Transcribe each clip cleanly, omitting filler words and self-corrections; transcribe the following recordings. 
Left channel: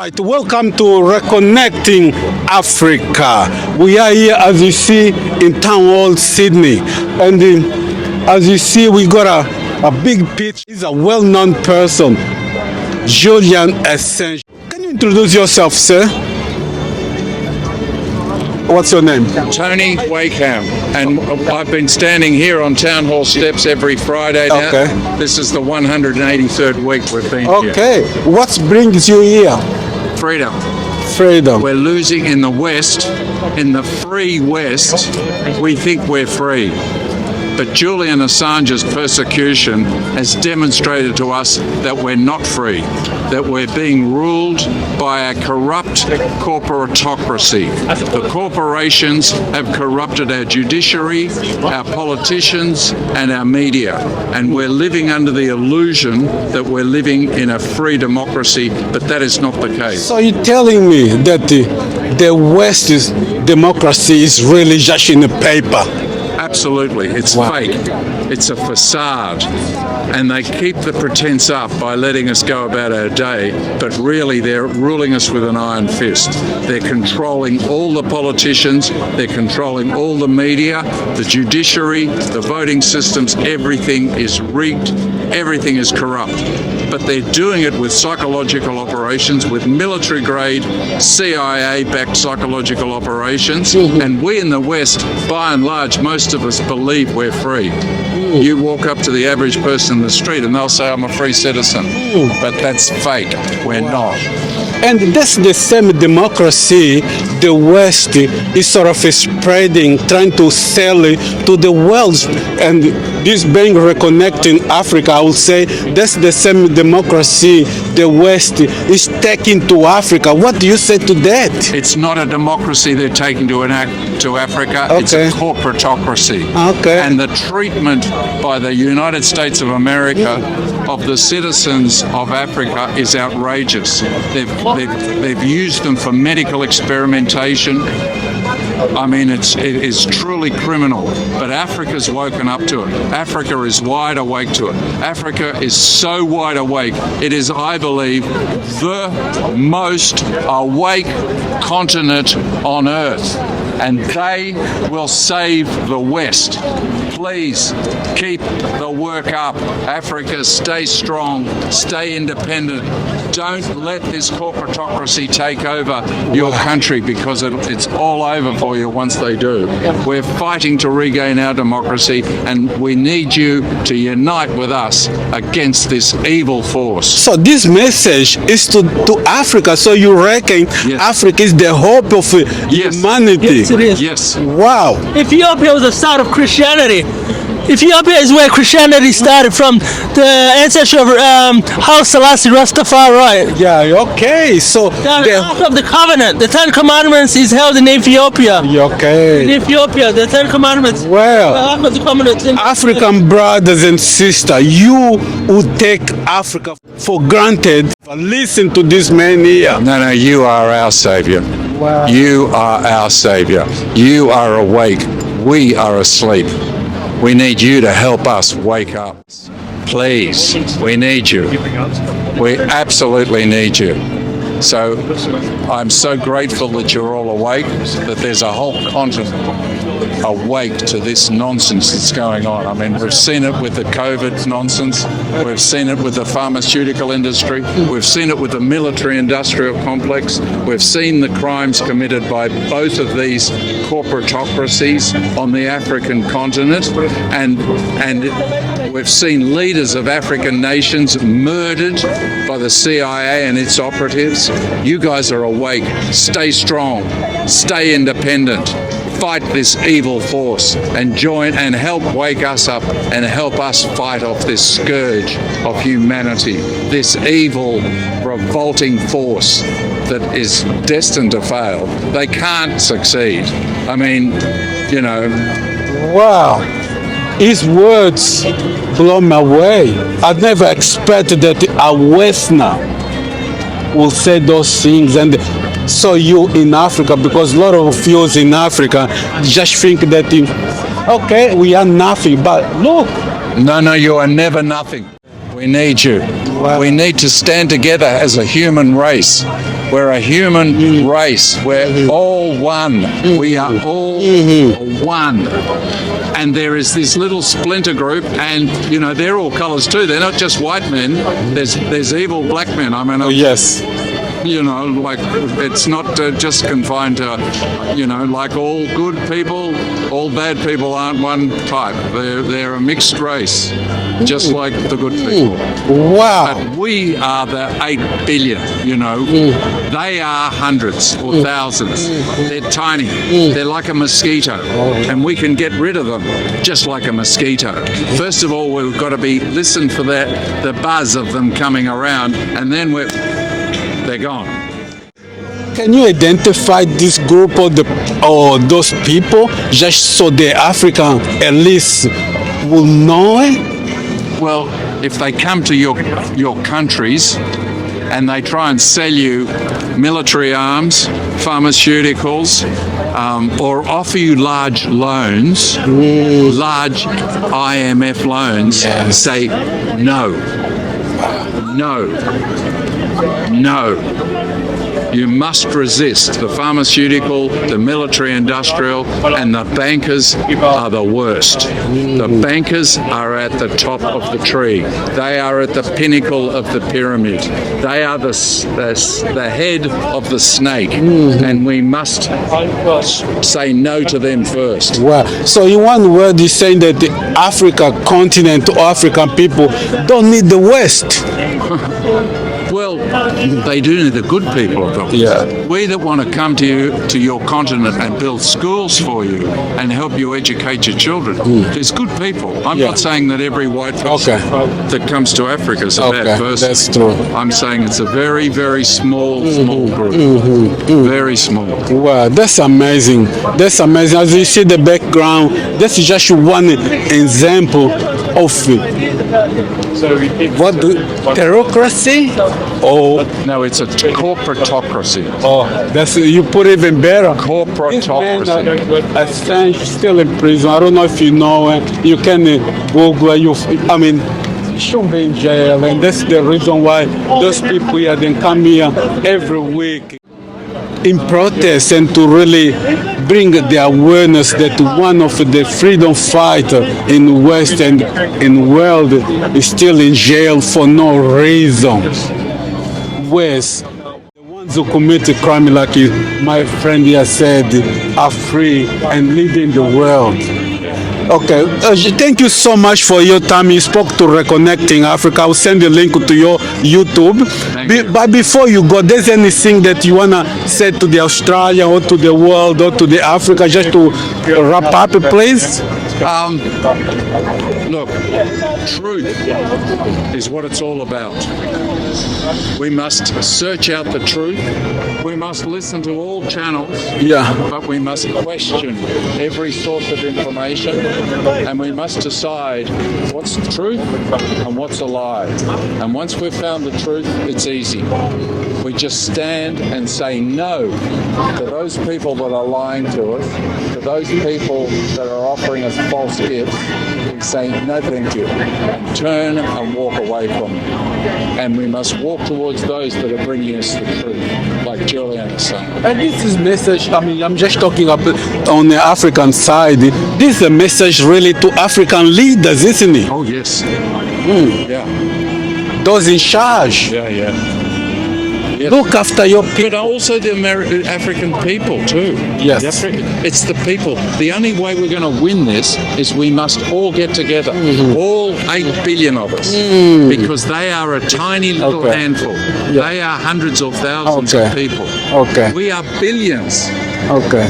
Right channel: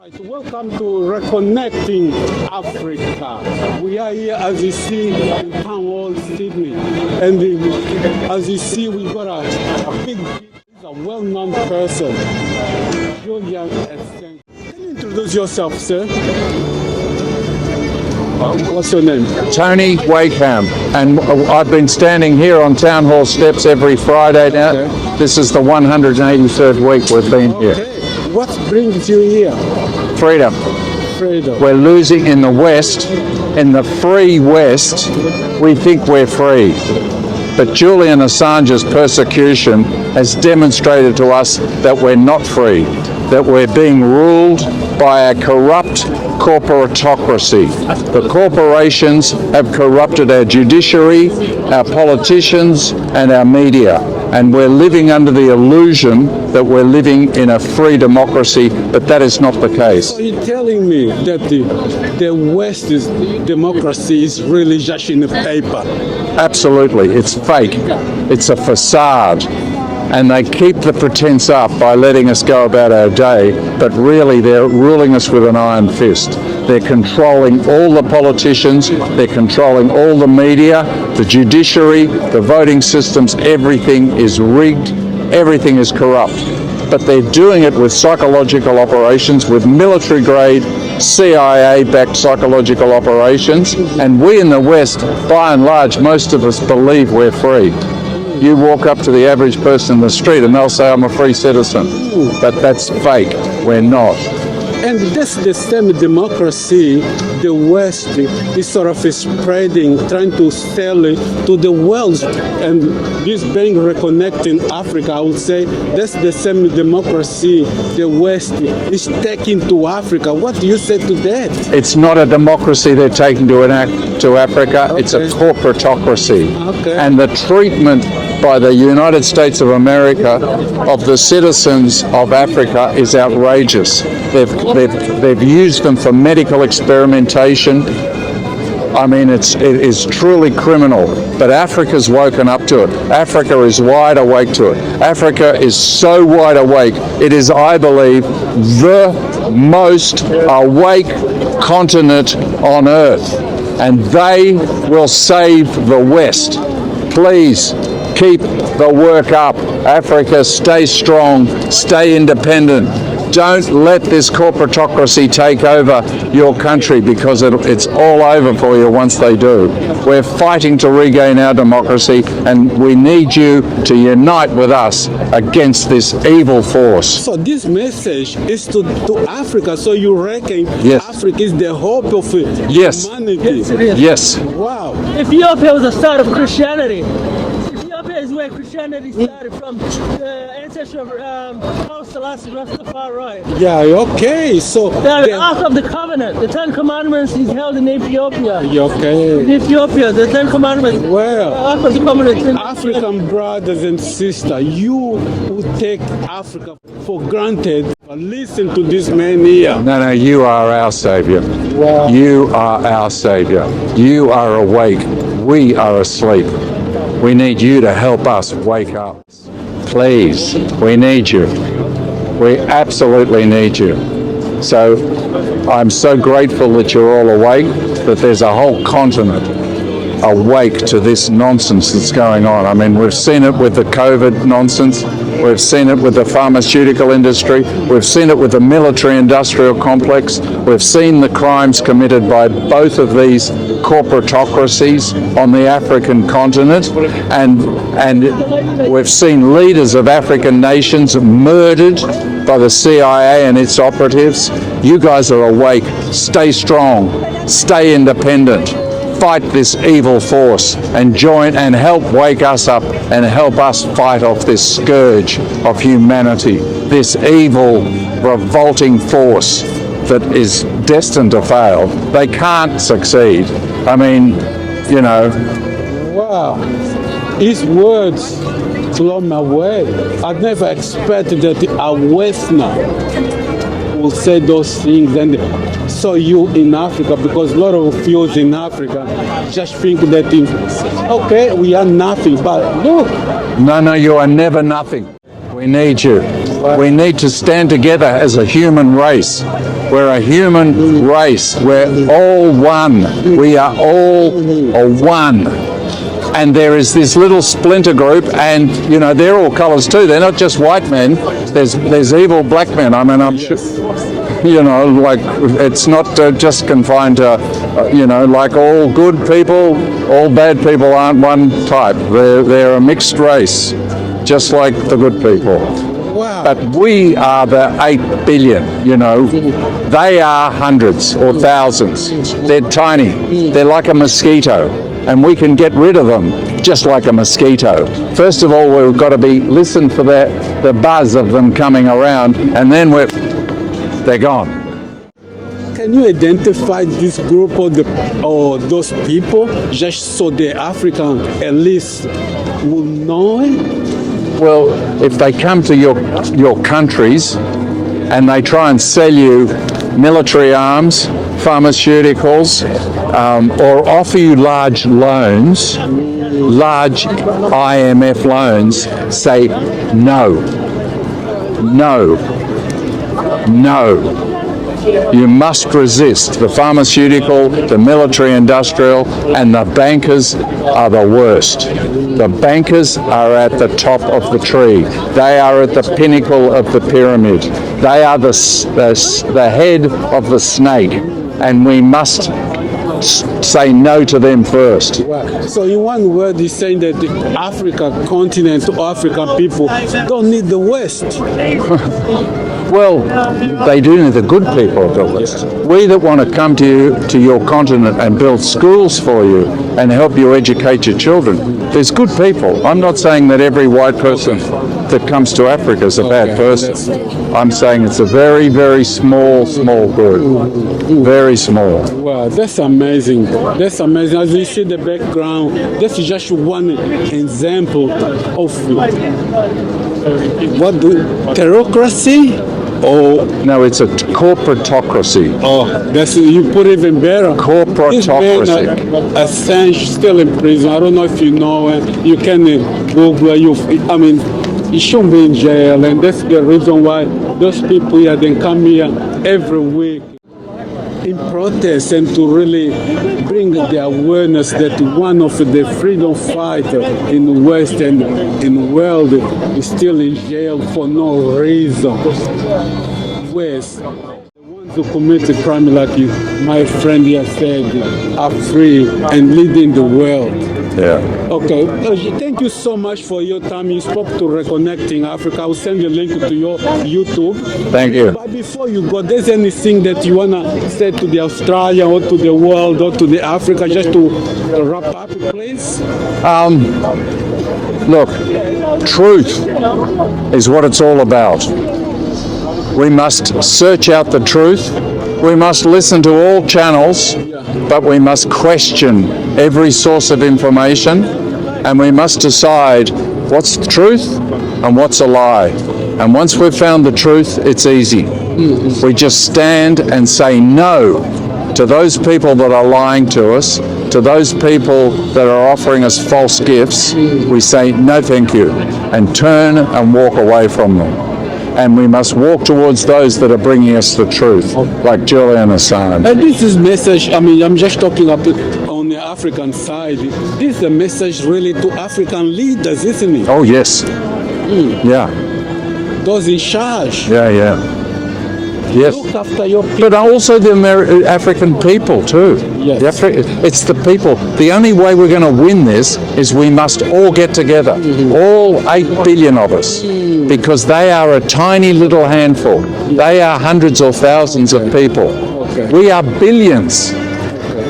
Right, welcome to Reconnecting Africa. We are here, as you see, in Town Hall, Sydney. And as you see, we got a big pitch. He's a well-known person, Julian Assange. Can you introduce yourself, sir? What's your name? Tony Wakeham, and I've been standing here on Town Hall steps every Friday now. Okay. This is the 183rd week we've been here. Okay, what brings you here? Freedom. Freedom. We're losing in the West, in the free West, we think we're free. But Julian Assange's persecution has demonstrated to us that we're not free, that we're being ruled by a corrupt corporatocracy. The corporations have corrupted our judiciary, our politicians, and our media. And we're living under the illusion that we're living in a free democracy, but that is not the case. So you're telling me that the West's democracy is really just in the paper? Absolutely. It's fake. It's a facade. And they keep the pretense up by letting us go about our day, but really they're ruling us with an iron fist. They're controlling all the politicians, they're controlling all the media, the judiciary, the voting systems, everything is rigged, everything is corrupt. But they're doing it with psychological operations, with military-grade, CIA-backed psychological operations, and we in the West, by and large, most of us believe we're free. You walk up to the average person in the street and they'll say, I'm a free citizen. But that's fake. We're not. And that's the same democracy the West is sort of spreading, trying to sell it to the world. And this being Reconnecting Africa, I would say that's the same democracy the West is taking to Africa. What do you say to that? It's not a democracy they're taking to Africa. Okay. It's a corporatocracy. Okay. And the treatment by the United States of America of the citizens of Africa is outrageous. They've used them for medical experimentation. I mean, it is truly criminal. But Africa's woken up to it. Africa is wide awake to it. Africa is so wide awake. It is, I believe, the most awake continent on Earth. And they will save the West. Please keep the work up. Africa, stay strong, stay independent. Don't let this corporatocracy take over your country, because it's all over for you once they do. We're fighting to regain our democracy, and we need you to unite with us against this evil force. So this message is to Africa. So you reckon Yes. Africa is the hope of Yes. humanity? Yes, it is. Yes. Wow. Ethiopia was the start of Christianity. Ethiopia is where Christianity started from, the ancestor of Haile Selassie Rastafari. Yeah, okay. So The Ark of the Covenant, the Ten Commandments is held in Ethiopia. okay. In Ethiopia, the Ten Commandments. Well, Ark of the Covenant. African brothers and sisters, you who take Africa for granted, listen to this man here. No, you are our savior. You are our savior. You are awake. We are asleep. We need you to help us wake up. Please, we need you. We absolutely need you. So I'm so grateful that you're all awake, that there's a whole continent awake to this nonsense that's going on. I mean, we've seen it with the COVID nonsense. We've seen it with the pharmaceutical industry. We've seen it with the military-industrial complex. We've seen the crimes committed by both of these corporatocracies on the African continent. And we've seen leaders of African nations murdered by the CIA and its operatives. You guys are awake. Stay strong. Stay independent. Fight this evil force and join and help wake us up and help us fight off this scourge of humanity, this evil, revolting force that is destined to fail. They can't succeed. I mean, you know. Wow. His words blow me away. I never expected that a Westerner will say those things. And so you in Africa, because a lot of youths in Africa just think that, okay, we are nothing, but look. No, you are never nothing. We need you. We need to stand together as a human race. We're a human race. We're all one. We are all one. And there is this little splinter group, and they're all colours too. They're not just white men. There's evil black men. I mean, Yes. like it's not just confined to, like all good people, all bad people aren't one type. They're a mixed race, just like the good people. Wow. But we are the 8 billion, They are hundreds or thousands. They're tiny. They're like a mosquito, and we can get rid of them just like a mosquito. First of all, we've got to listen for the buzz of them coming around, and then they're gone. Can you identify this group or those people just so the African at least will know it? Well, if they come to your countries and they try and sell you military arms, pharmaceuticals, or offer you large loans, large IMF loans, say no, no, no. You must resist. The pharmaceutical, the military industrial, and the bankers are the worst. The bankers are at the top of the tree. They are at the pinnacle of the pyramid. They are the head of the snake, and we must say no to them first. Well, so in one word, you're saying that the African continent, African people don't need the West. Well, they do need the good people of the West. Yeah. We that want to come to your continent and build schools for you and help you educate your children. There's good people. I'm not saying that every white person that comes to Africa is a bad person. That's true. I'm saying it's a very, very small group. Very small. Wow, that's amazing. That's amazing. As you see the background, this is just one example of bureaucracy. Oh, No, it's a corporatocracy. that's you put it even better. Corporatocracy. Assange still in prison. I don't know if you know it. You can Google. You shouldn't be in jail, and that's the reason why those people here they come here every week in protest and to really bring the awareness that one of the freedom fighter in the West and in the world is still in jail for no reason. West, the ones who committed crime, like my friend here said, are free and leading the world. Yeah. Okay, thank you so much for your time. You spoke to Reconnecting Africa. I'll send a link to your YouTube. Thank you. But before you go, there's anything that you want to say to the Australia or to the world or to the Africa, just to wrap up, please? Look, truth is what it's all about. We must search out the truth. We must listen to all channels, but we must question every source of information, and we must decide what's the truth and what's a lie. And once we've found the truth, it's easy. We just stand and say no to those people that are lying to us, to those people that are offering us false gifts. We say no thank you and turn and walk away from them. And we must walk towards those that are bringing us the truth, like Julian Assange. And this is message, I'm just talking on the African side. This is a message really to African leaders, isn't it? Oh, yes. Yeah. Those in charge. Yeah. Yes. Look after your people. But also the African people too. Yes. It's the people. The only way we're going to win this is we must all get together. All 8 billion of us. Because they are a tiny little handful. They are hundreds or thousands of people. Okay. We are billions. Okay.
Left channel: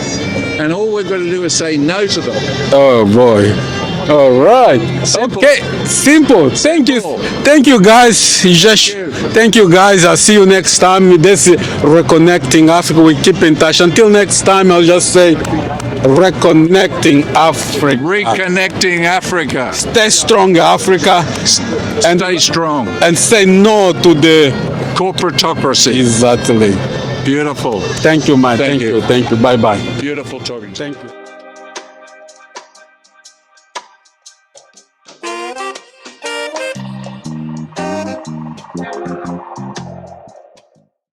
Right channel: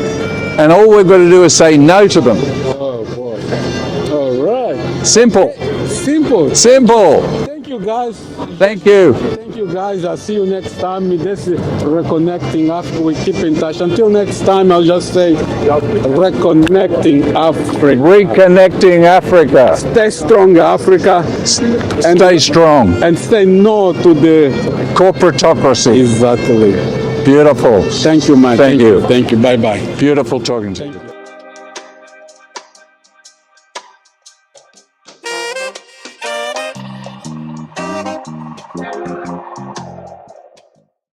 And all we've got to do is say no to them. Oh boy. All right. Simple. Okay. Simple. Simple. Thank you guys. Thank you guys. I'll see you next time. This is Reconnecting Africa. We keep in touch. Until next time, I'll just say Reconnecting Africa. Reconnecting Africa. Stay strong, Africa. And Stay strong. And say no to the Corporatocracy. Exactly. Beautiful. Thank you, man. Thank you. Thank you. Bye-bye. Beautiful talking to you. Thank you.